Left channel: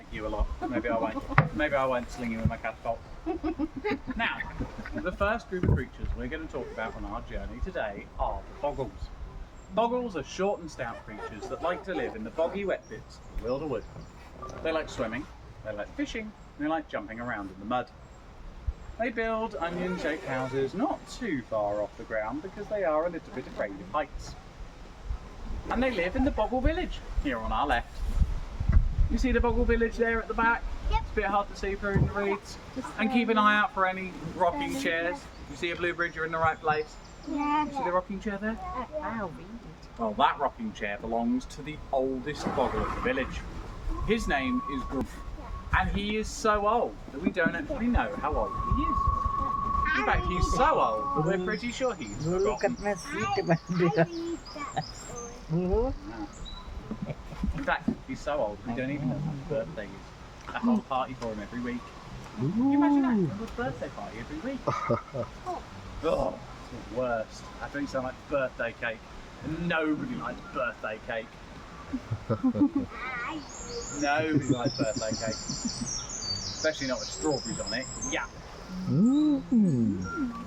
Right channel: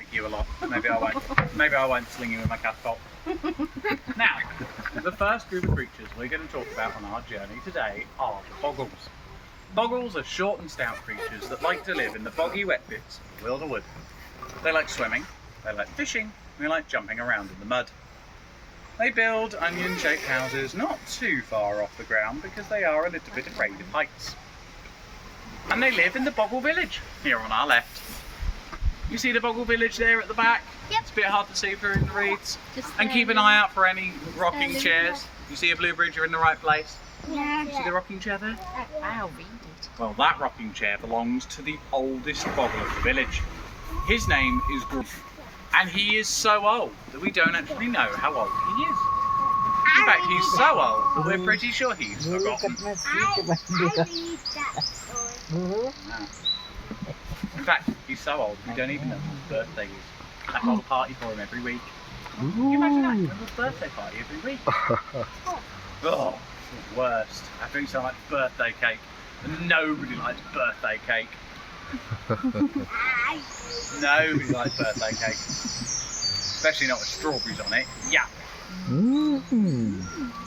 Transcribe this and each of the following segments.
like you a lot. Maybe I won't. Maybe I won't sling you with my catapult. Now, the first group of creatures we're going to talk about on our journey today are the Boggles. Boggles are short and stout creatures that like to live in the boggy wet bits of Bewilderwood. They like swimming, they like fishing, and they like jumping around in the mud. They build onion-shaped houses not too far off the ground because they are a little bit afraid of heights. And they live in the Bogle village, here on our left. You see the Bogle village there at the back? Yep. It's a bit hard to see through the reeds. And keep an eye out for any rocking chairs. You see a blue bridge, you're in the right place. Yeah. See the rocking chair there? I'll read it. Well, that rocking chair belongs to the oldest Bogle of the village. His name is Grubbles, and he is so old that we don't actually know how old he is. In fact, he's so old that we're pretty sure he's forgotten. Wow. In fact, he's so old we don't even know his birthday is. I hold a party for him every week. Can you imagine that? He has a birthday party every week. Oh, it's the worst. I think so much birthday cake, and nobody likes birthday cake. Nobody likes birthday cake, especially not with strawberries on it. Yeah.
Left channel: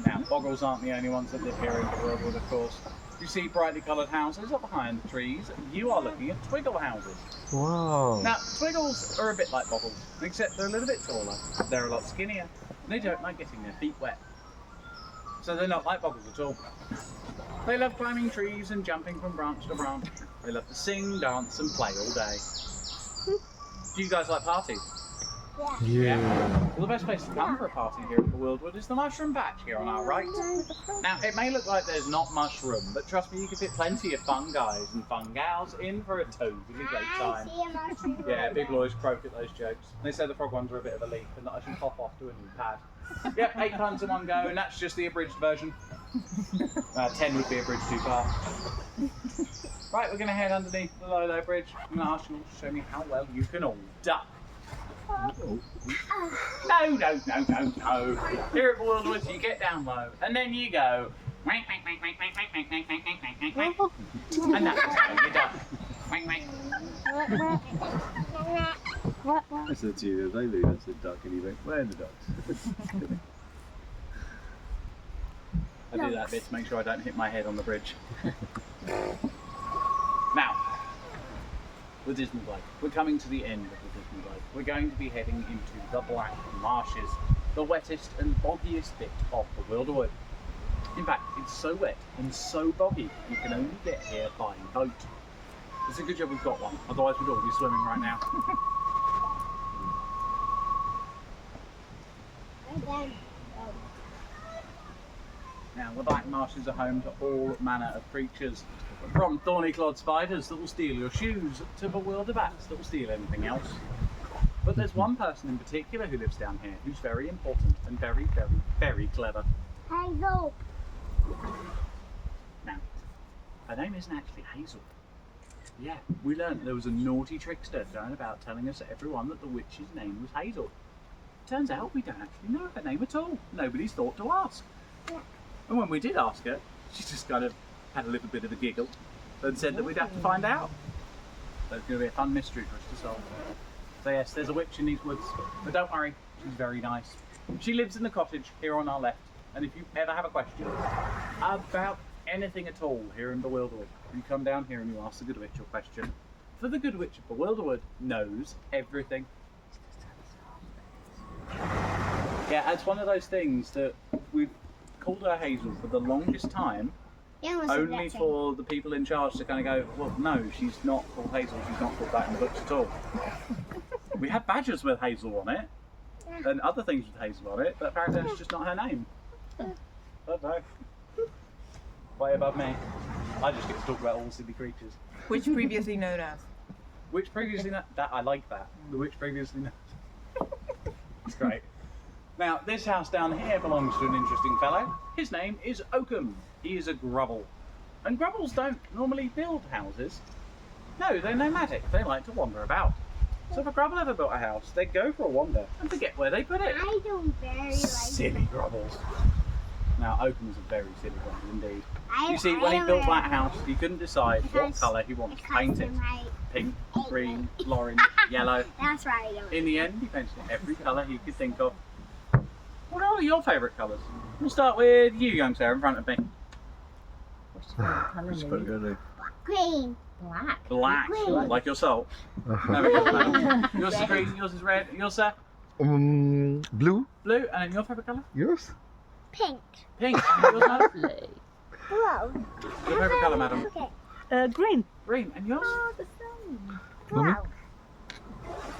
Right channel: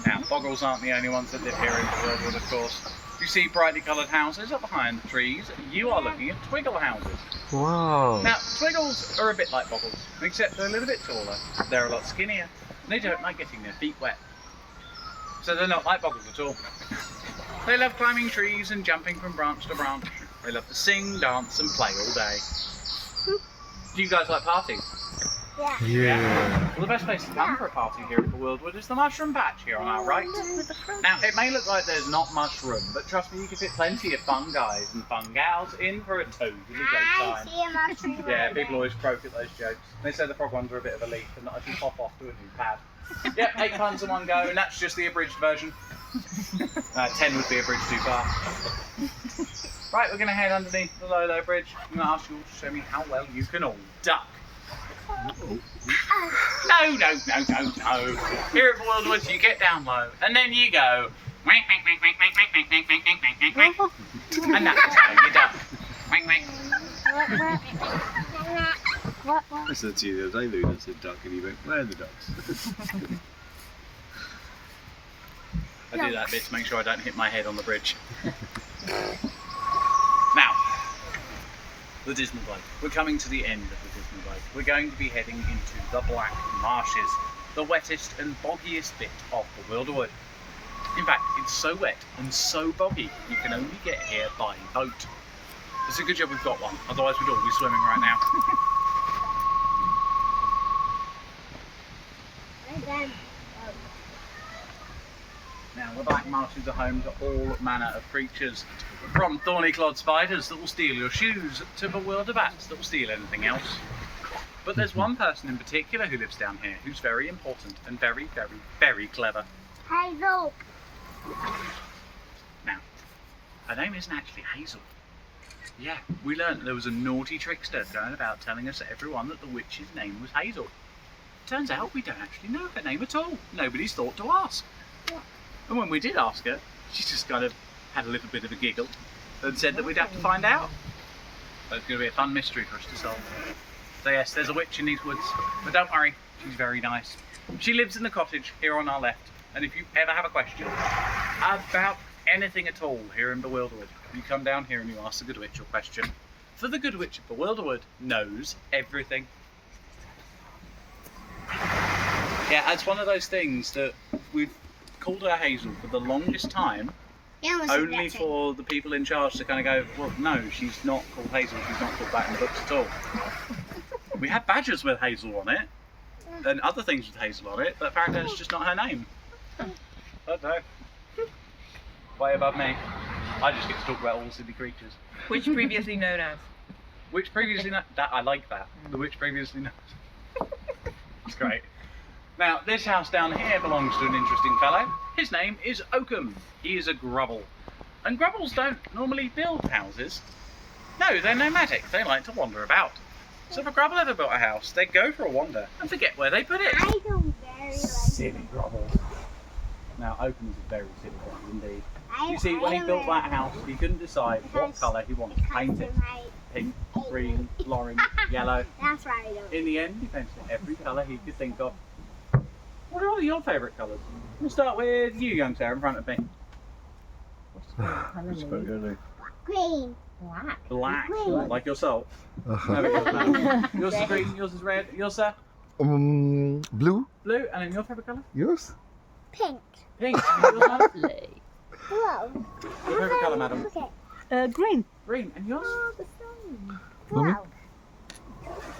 Now, Boggles aren't the only ones that live here in Bewildered, of course. You see brightly coloured houses up behind the trees. You are looking at Twiggle houses. Wow. Now, Twiggles are a bit like Boggles, except they're a little bit taller. They're a lot skinnier. And they don't like getting their feet wet. So they're not like Boggles at all. They love climbing trees and jumping from branch to branch. They love to sing, dance and play all day. Do you guys like parties? Yeah. Well, the best place to come for a party here at Bewildered is the mushroom patch here on our right. Now, it may look like there's not much room, but trust me, you can fit plenty of fun guys and fun gals in for a totally great time. Yeah, people always croak at those jokes. They say the frog ones are a bit of a leap and that I should pop off to a new pad. Yep, 8 puns in one go, and that's just the abridged version. 10 would be a bridge too far. Right, we're going to head underneath the low bridge. I'm going to ask you all to show me how well you can all duck. No. Here at Bewilderwood, you get down low, and then you go. And that's how you duck. I said to you the other day, Luna said duck, and you went, where are the ducks? I do that bit to make sure I don't hit my head on the bridge. Now, the Dismal Glade. We're coming to the end of the Dismal Glade. We're going to be heading into the Black Marshes, the wettest and boggiest bit of Bewilderwood. In fact, it's so wet and so boggy, you can only get here by boat. It's a good job we've got one, otherwise we'd all be swimming right now. Now, the Black Marshes are home to all manner of creatures, from thorny-clawed spiders that will steal your shoes to bewildered bats that will steal anything else. But there's one person in particular who lives down here who's very important and very, very, very clever. Hazel. Now, her name isn't actually Hazel. Yeah, we learned there was a naughty trickster going about telling us everyone that the witch's name was Hazel. Turns out we don't actually know her name at all. Nobody's thought to ask. And when we did ask her, she just kind of had a little bit of a giggle and said that we'd have to find out. So it's going to be a fun mystery for us to solve. So yes, there's a witch in these woods, but don't worry, she's very nice. She lives in the cottage here on our left, and if you ever have a question about anything at all here in Bewilderwood, you come down here and you ask the Good Witch your question. For the Good Witch of Bewilderwood knows everything. Yeah, it's one of those things that we've called her Hazel for the longest time, only for the people in charge to kind of go, well, no, she's not called Hazel, she's not called that in the books at all. We have badges with Hazel on it, and other things with Hazel on it, but apparently it's just not her name. I don't know. Way above me. I just get to talk about all silly creatures. Which previously known as? Which previously known, that I like that. The which previously known. It's great. Now, this house down here belongs to an interesting fellow. His name is Oakham. He is a Grubble. And Grubbles don't normally build houses. No, they're nomadic. They like to wander about. So if a Grubble ever built a house, they'd go for a wander and forget where they put it. I don't very like Silly Grubbles. Now, Oakham's a very silly Grubble indeed. You see, when he built that house, he couldn't decide what colour he wanted to paint it. pink, green, orange, yellow. That's right. In the end, he painted every colour he could think of. What are your favourite colours? We'll start with you, young Sarah, in front of me. Which colour do you Green. Black. Black, Green. like your soul. There we go. Yours is green, yours is red. Yours, sir? Blue. Blue. And then your favourite colour? Yours? Pink. Pink. And yours, madam? Lovely. Whoa. Your favourite colour, madam? Okay. Green. Green. And yours? Oh, the same. Wow.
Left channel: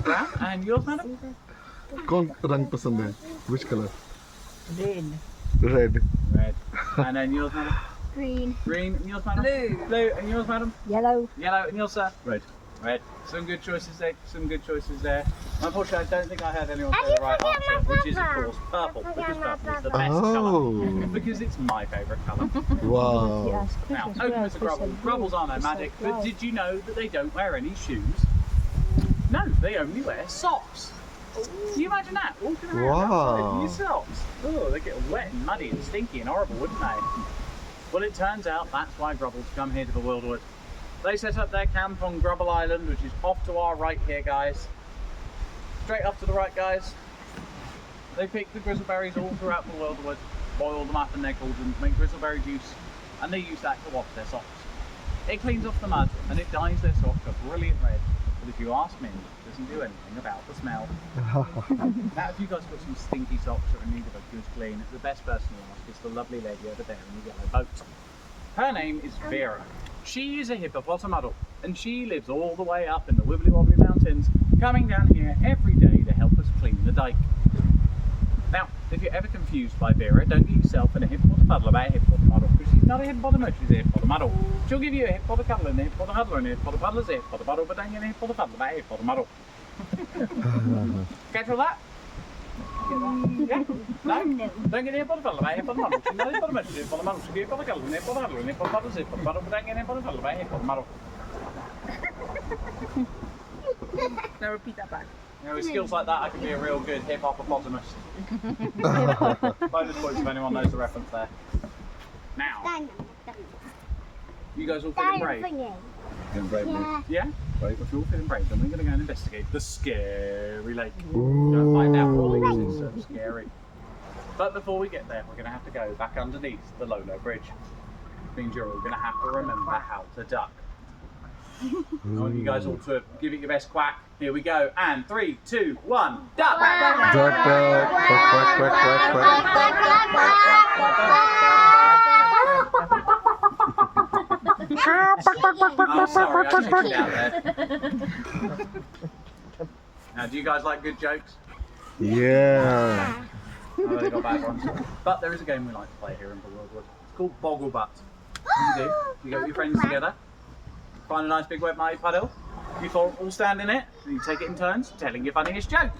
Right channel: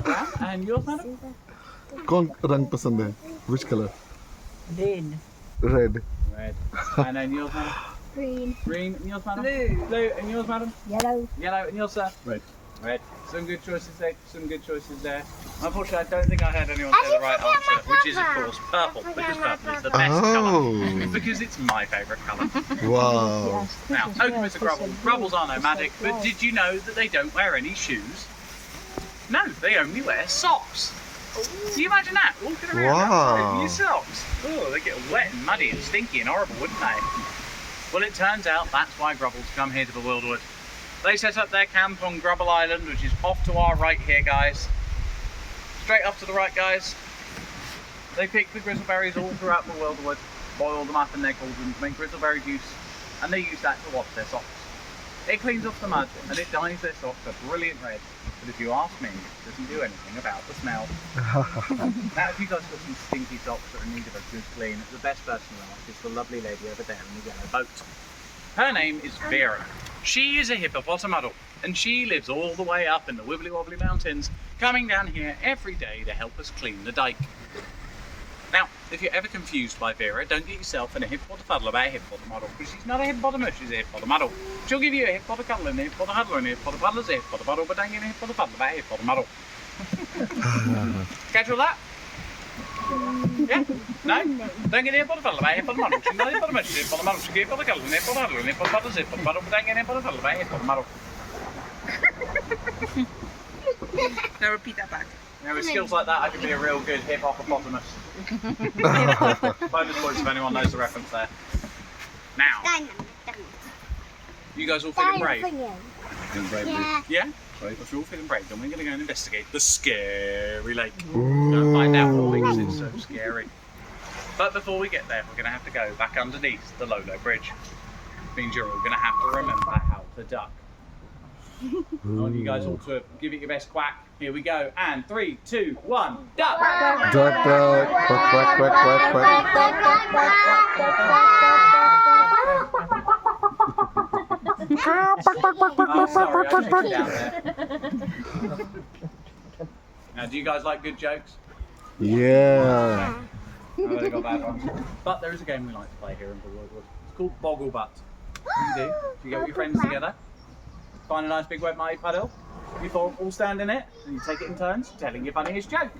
Brown. And yours, madam? कौन रंग पसंद है? Which color? Green. Red. Red. And then yours, madam? Green. Green. And yours, madam? Blue. Blue. And yours, madam? Yellow. Yellow. And yours, sir? Red. Red. Some good choices there. Some good choices there. Unfortunately, I don't think I had anyone say the right answer, which is, of course, purple, because purple is the best colour. Oh. Because it's my favourite colour. Wow. Now, okay, Mr. Grubble. Grubbles are nomadic, but did you know that they don't wear any shoes? No, they only wear socks. Can you imagine that? Walking around outside in your socks. Oh, they get wet and muddy and stinky and horrible, wouldn't they? Well, it turns out that's why Grubbles come here to Bewilderwood. They set up their camp on Grubble Island, which is off to our right here, guys. Straight up to the right, guys. They pick the grizzleberries all throughout Bewilderwood, boil them up in their cauldrons, make grizzleberry juice, and they use that to wash their socks. It cleans off the mud and it dyes their socks a brilliant red. But if you ask me, it doesn't do anything about the smell. Now, if you guys got some stinky socks that are in need of a good clean, the best person to ask is the lovely lady over there in the yellow boat. Her name is Vera. She is a hippopotamuddle, and she lives all the way up in the wibbly wobbly mountains, coming down here every day to help us clean the dike. Now, if you're ever confused by Vera, don't get yourself in a hippopotamuddle about a hippopotamuddle, because she's not a hippopotamus, she's a hippopotamuddle. She'll give you a hippopotamuddle and a hippopotamuddle and a hippopotamuddle, a hippopotamuddle, but don't get a hippopotamuddle about a hippopotamuddle. Catch all that? Yeah? No? Don't get a hippopotamuddle about a hippopotamuddle. She's not a hippopotamus, she's a hippopotamuddle. She'll give you a hippopotamuddle and a hippopotamuddle and a hippopotamuddle, a hippopotamuddle, but don't get a hippopotamuddle about a hippopotamuddle. Now repeat that back. You know, with skills like that, I can be a real good hippopotamus. Bonus points if anyone knows the reference there. Now, you guys all feeling brave? And red. Yeah. Yeah? Right. If you're all feeling brave, then we're going to go and investigate the scary lake. Gonna find out what makes it so scary. But before we get there, we're going to have to go back underneath the Lolo Bridge. Means you're all going to have to remember how to duck. I want you guys all to give it your best quack. Here we go. And 3, 2, 1, duck! Duck, duck, quack, quack, quack, quack, Now, do you guys like good jokes? Yeah. I've only got bad ones. But there is a game we like to play here in Bewilderwood. It's called Boggle Butt. What you do, you get with your friends together, find a nice big wet muddy puddle, you all stand in it, and you take it in turns, telling your funniest joke.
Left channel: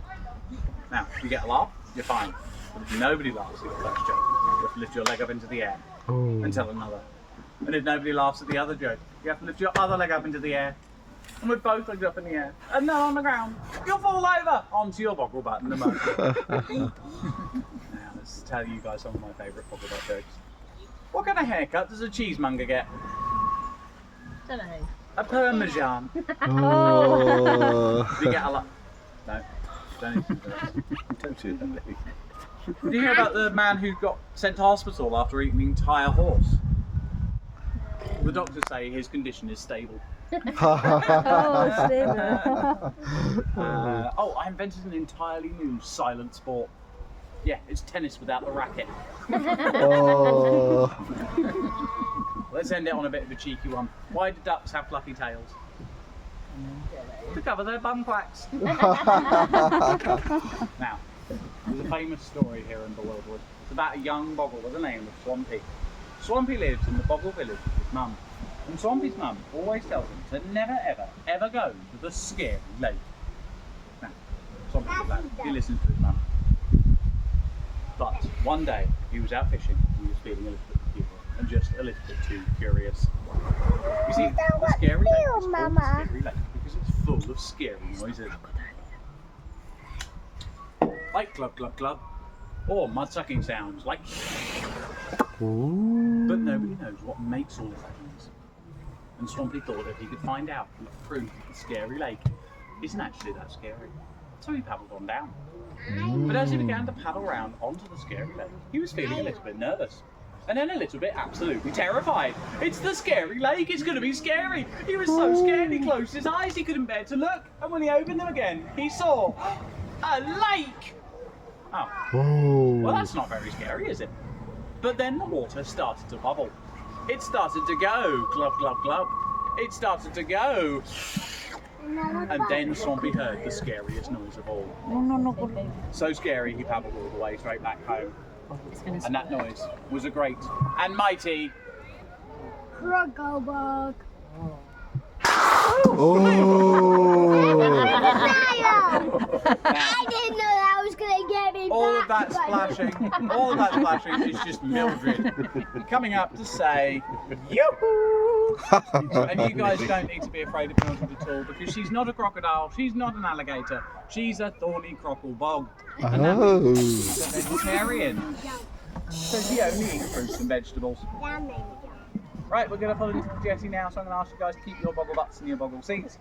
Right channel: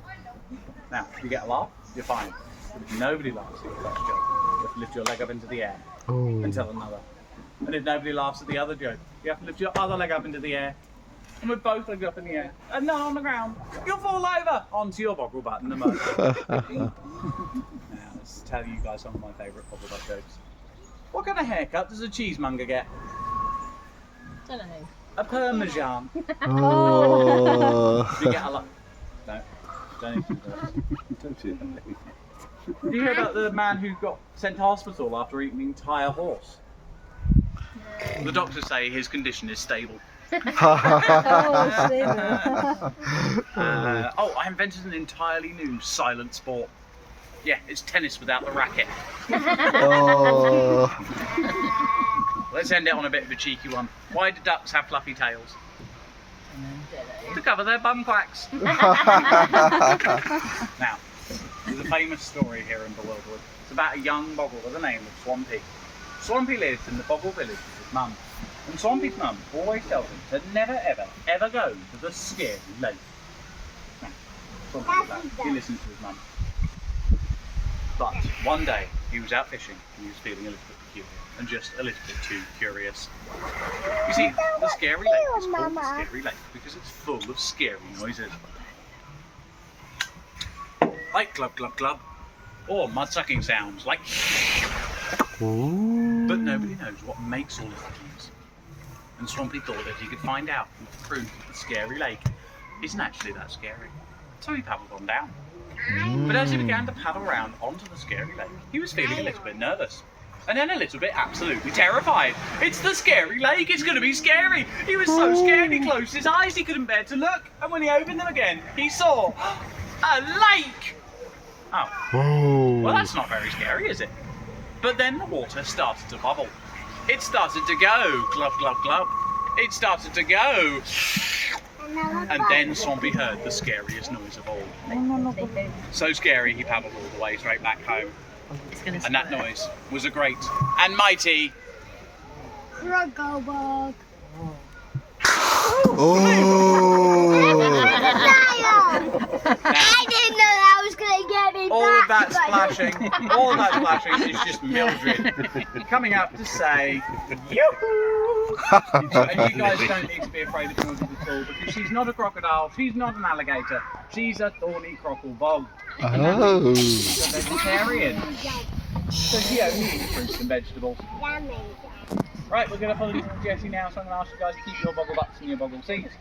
Now, if you get a laugh, you're fine. But if nobody laughs at your first joke, you have to lift your leg up into the air and tell another. And if nobody laughs at the other joke, you have to lift your other leg up into the air. And with both legs up in the air, and none on the ground, you'll fall over onto your boggle butt in the mud. Now, let's tell you guys some of my favourite boggle butt jokes. What kind of haircut does a cheesemonger get? Don't know. A parmesan. Oh. Do you get a lot? No. Don't even do that. Don't you? Did you hear about the man who got sent to hospital after eating an entire horse? The doctors say his condition is stable. Oh, silly. I invented an entirely new silent sport. Yeah, it's tennis without the racket. Oh. Let's end it on a bit of a cheeky one. Why do ducks have fluffy tails? To cover their bum quacks. Now, there's a famous story here in Bewilderwood. It's about a young Bogle with the name of Swampy. Swampy lives in the Bogle village with his mum. And Swampy's mum always tells him to never, ever, ever go to the scary lake. Now, Swampy did that. He listened to his mum. But one day, he was out fishing and he was feeling a little bit peculiar and just a little bit too curious. You see, the scary lake is called the scary lake because it's full of scary noises. Like glub glub glub, or mud-sucking sounds like but nobody knows what makes all of that noise. And Swampy thought that he could find out and prove that the scary lake isn't actually that scary. So he paddled on down. But as he began to paddle round onto the scary lake, he was feeling a little bit nervous. And then a little bit absolutely terrified. It's the scary lake, it's going to be scary. He was so scared he closed his eyes, he couldn't bear to look. And when he opened them again, he saw a lake. Oh, well that's not very scary, is it? But then the water started to bubble. It started to go, glub, glub, glub. It started to go. And then Swampy heard the scariest noise of all. So scary he paddled all the way straight back home. And that noise was a great and mighty Grubbles. I didn't know that was going to get me all of back. all of that splashing is just Mildred coming up to say yoo-hoo. And you guys don't need to be afraid of Mildred at all, because she's not a crocodile, she's not an alligator, she's a thorny crockle bog. Oh. She's a vegetarian. So she only eats fruits and vegetables. Right, we're going to follow Jessie now, so I'm going to ask you guys to keep your boggle butts in your boggle seats.